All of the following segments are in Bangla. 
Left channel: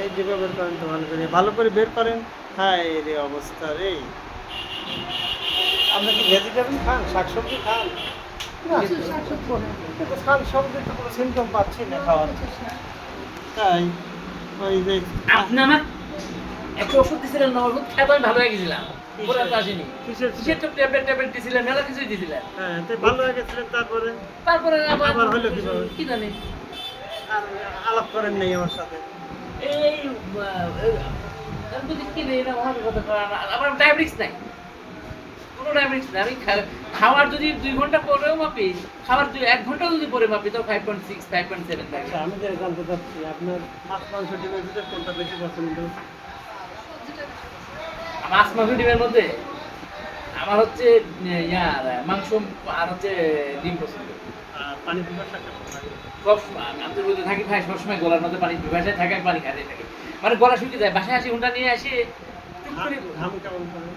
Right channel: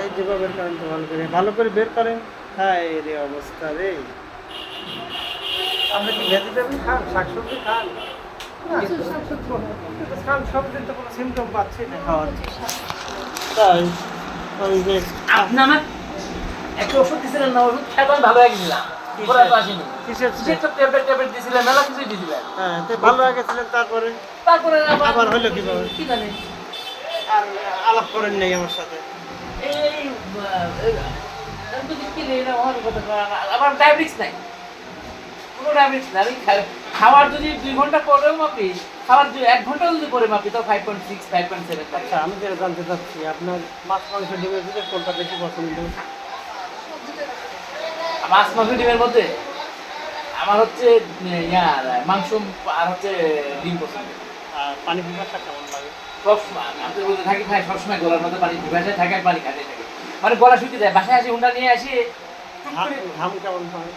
এই যেভাবে বের করেন তো ভালো করে। ভালো করে বের করেন। হ্যাঁ রে অবস্থা রে। আপনি কি ভেজিটেবল খান? শাকসবজি খান? না, কিন্তু শাকসবজি তো কোনো সিমটম পাচ্ছি না খাওয়ার। তাই ওই যে আপনি আমার একটা ওষুধ দিছিলেন না ওষুধ খাইতে আমি ভালো হয়ে গেছিলাম। হ্যাঁ ভালো গেছিলেন তারপরে? তারপরে আবার হলো কীভাবে? আর আলাপ করেন নাই আমার সাথে। এই তো দেখি আমার কথা আমার- ডায়াবেটিস নাই। কোনো ডায়াবেটিস নাই আমি খাওয়ার যদি দুই ঘণ্টা পরেও মাপি খাওয়ার যদি এক ঘণ্টা যদি পরে মাপি তো five point six five point seven আচ্ছা আমি যেটা জানতে চাচ্ছি আপনার মাছ মাংস ডিমের ভিতরে কোনটা বেশি পছন্দ? মাছ মাংস ডিমের মধ্যে আমার হচ্ছে ইয়ার মাংস আর হচ্ছে ডিম পছন্দ। পানি পিপাসা কেমন লাগে সবসময় আমি তো থাকি ভাই সবসময় গলার মধ্যে পানি থাকে পানি খাতে থাকে। মানে গলা শুকিয়ে যায় বাসায় আসি হুন্ডা নিয়ে আসি ঘাম কেমন হয়?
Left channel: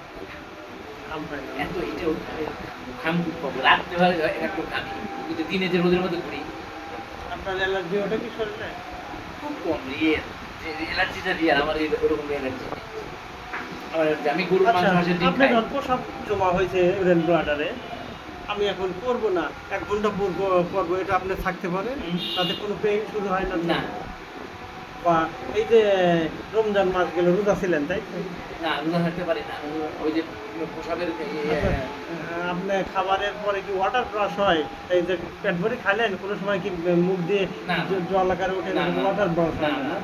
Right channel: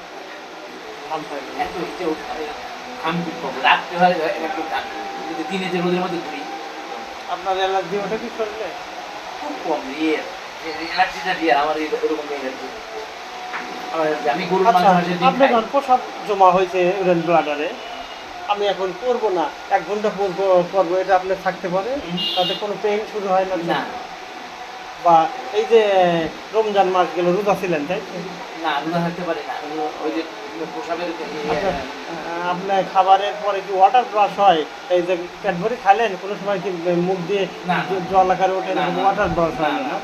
ঘাম পাই এত এটা ঘাম খুব কম রাত্রে হয় একটু ঘাম। কিন্তু দিনে যে রোদের মধ্যে ঘুরি। আপনার অ্যালার্জি ওটা কি করলে খুব কম ইয়ে দিয়ে আমার আমি গরুর আচ্ছা মাংস মাংসের আপনি যখন প্রসাব জমা হয়েছে ইউরেন ব্লাডারে। আমি এখন করব না। এক ঘণ্টা করব এটা আপনি থাকতে পারে হুম। তাতে কোনো পেইন শুরু হয় না। না। বা এই যে রমজান মাস গেল রোজা ছিলেন তাই না রোজা থাকতে পারে না। ওই যে আচ্ছা, আপনার খাবারের পরে কি ওয়াটার ব্রাশ হয়? এই যে পেট ভরে খাইলেন কোনো সময় কি মুখ দিয়ে। জল আকারে ওঠে ওয়াটার ব্রাশ হয় না?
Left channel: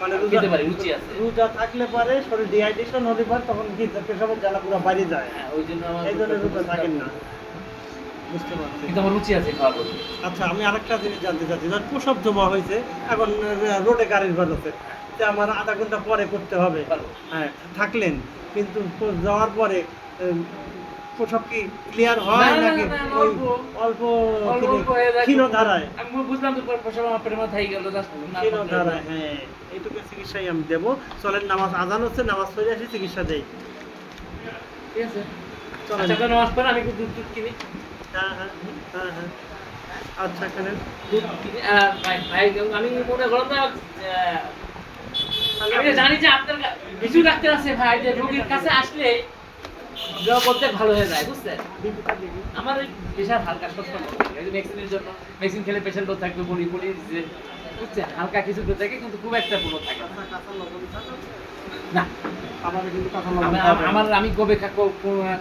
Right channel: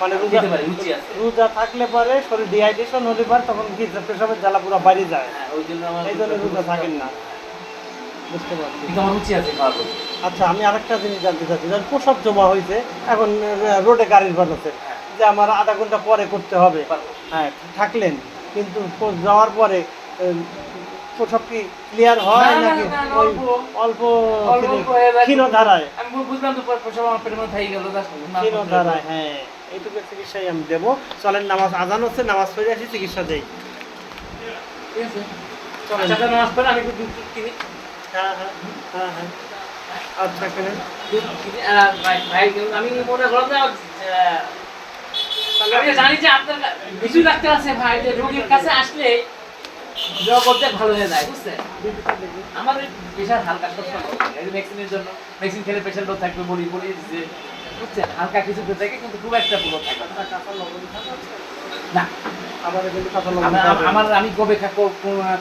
মানে রোজা রুচি আছে। রোজা থাকলে পরে শরীর ডিহাইড্রেশন হলে পরে তখন কি পেশাবের জ্বালা পুরো বাইরে যায়। হ্যাঁ, ওই জন্য আমার এই জন্য রোজা থাকেন না। বুঝতে পারছি। রুচি আছে আচ্ছা আমি আরেকটা জিনিস জানতে চাচ্ছি যখন প্রসাব জমা হয়েছে এখন রোডে গাড়ির আছে যে আমার আধা ঘণ্টা পরে করতে হবে। হ্যাঁ থাকলেন কিন্তু যাওয়ার পরে প্রসাব কি ক্লিয়ার হয় নাকি অল্প। ক্ষীণ- হয়ে ধারায় আমি বুঝলাম তো আমার পেটের মধ্যে গেল ক্ষীণ ধারায় হ্যাঁ। এইটুকু চিকিৎসাই আমি দেবো। চলেন নামাজ আজান হচ্ছে নামাজ পড়ে আসি চিকিৎসা দেই। ঠিক আছে। চলেন। আচ্ছা নামাজ পড়েন আমি একটু দুধ টুধ কিনি। হ্যাঁ হ্যাঁ হ্যাঁ হ্যাঁ। আচ্ছা কেনেন দুধ কিনি ভাই ভাই আমি মনে করলাম না আমি জানি যে আপনার কিছু ডাক্তার আছে ভাই যে রোগীর কাছে আসলে ড্র করতে ভালো হয়ে যায় বুঝছেন আমার ওই প্রেশার হালকা ভ্যাকসিনের জন্য ভ্যাকসিন খেলে প্রেশার থাকবে বলি বলি যে বুঝছেন? হালকা কিছু খেতে থাকে কিন্তু খুব একটা কোনো থাকে না। আমার। আমি কবে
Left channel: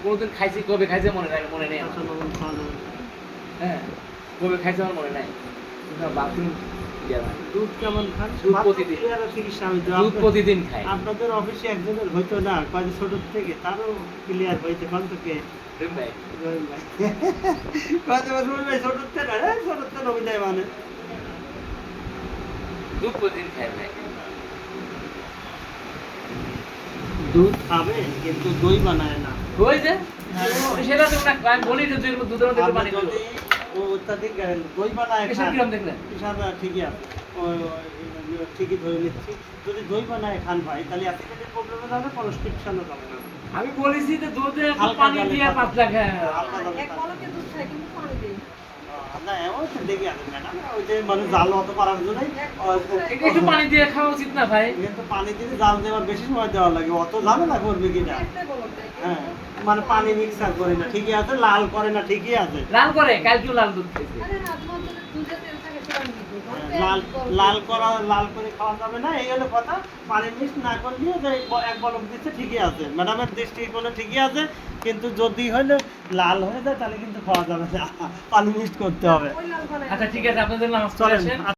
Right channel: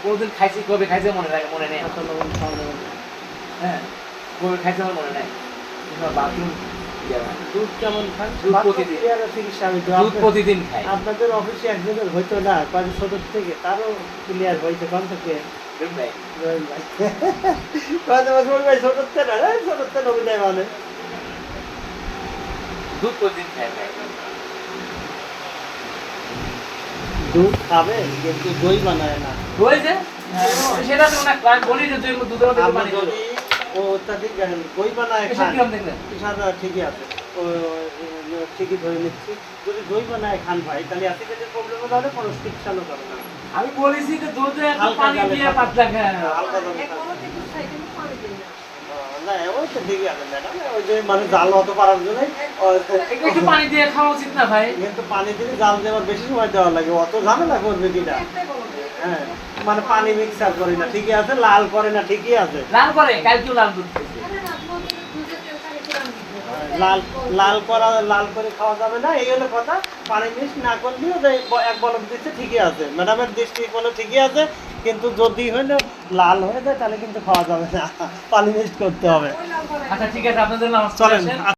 কোনোদিন খাইছি কবে খাইছে মনে নাই মনে নেই। হ্যাঁ কবে খাইছে আমার মনে নাই। বাথরুম? দুধ কেমন খান? দুধ প্রতিদিন। খাই। আপনাদের অফিসে একজনের হইতো না কয়েক ছোট থেকে তারও ক্লিয়ার কোন থেকে? ছোট থেকে ছোট থেকে অভিনয় মানে। দুধ প্রতিদিন খাই ভাই দুধ খাবে কিন্তু দই বানায় না। ওই যে? সেটা তো না আমি বলি যে তুই দুধের মধ্যে পানি দিবি ও অত্যাধিক দই বানায় খান ঠিকই আছে। ঠিকই ধরে নিচ্ছি। যদি দই বানায় খান ভাই তাহলে অ্যাসিডের প্রবলেম চিকিৎসাও করবে আমি বলেছি যে দুধে পানি দিয়ে। পাতলা খায়। হালকা একটু একটু পানি দিয়ে খাওয়া উচিত না ভাই? কিন্তু পানি দিলে জাল দেওয়ার বেশি সময় দেওয়া লাগে। অত ঝামেলা করবে কিনা হ্যাঁ মানে পানি মিক্সার করে না। ঠিকই আছে লাল করে না ঠিকই আছে। লাল করে? কালকেও লাল দুধ লাল লাল করা লাল করে খাওয়া যাবে না এই হলো কথা। পানি না করলেও যে এক বলক দিচ্ছে ঠিকই আছে। ম্যাডামের দৃষ্টি বলে ঠিকই আছে কিন্তু যদি হলে লাল হয়ে যায় তাহলে কিন্তু খাওয়া যাবে না। পানি করতে হবে। আচ্ছা ঠিক আছে আপনাদের নামাজ চলেন চলেন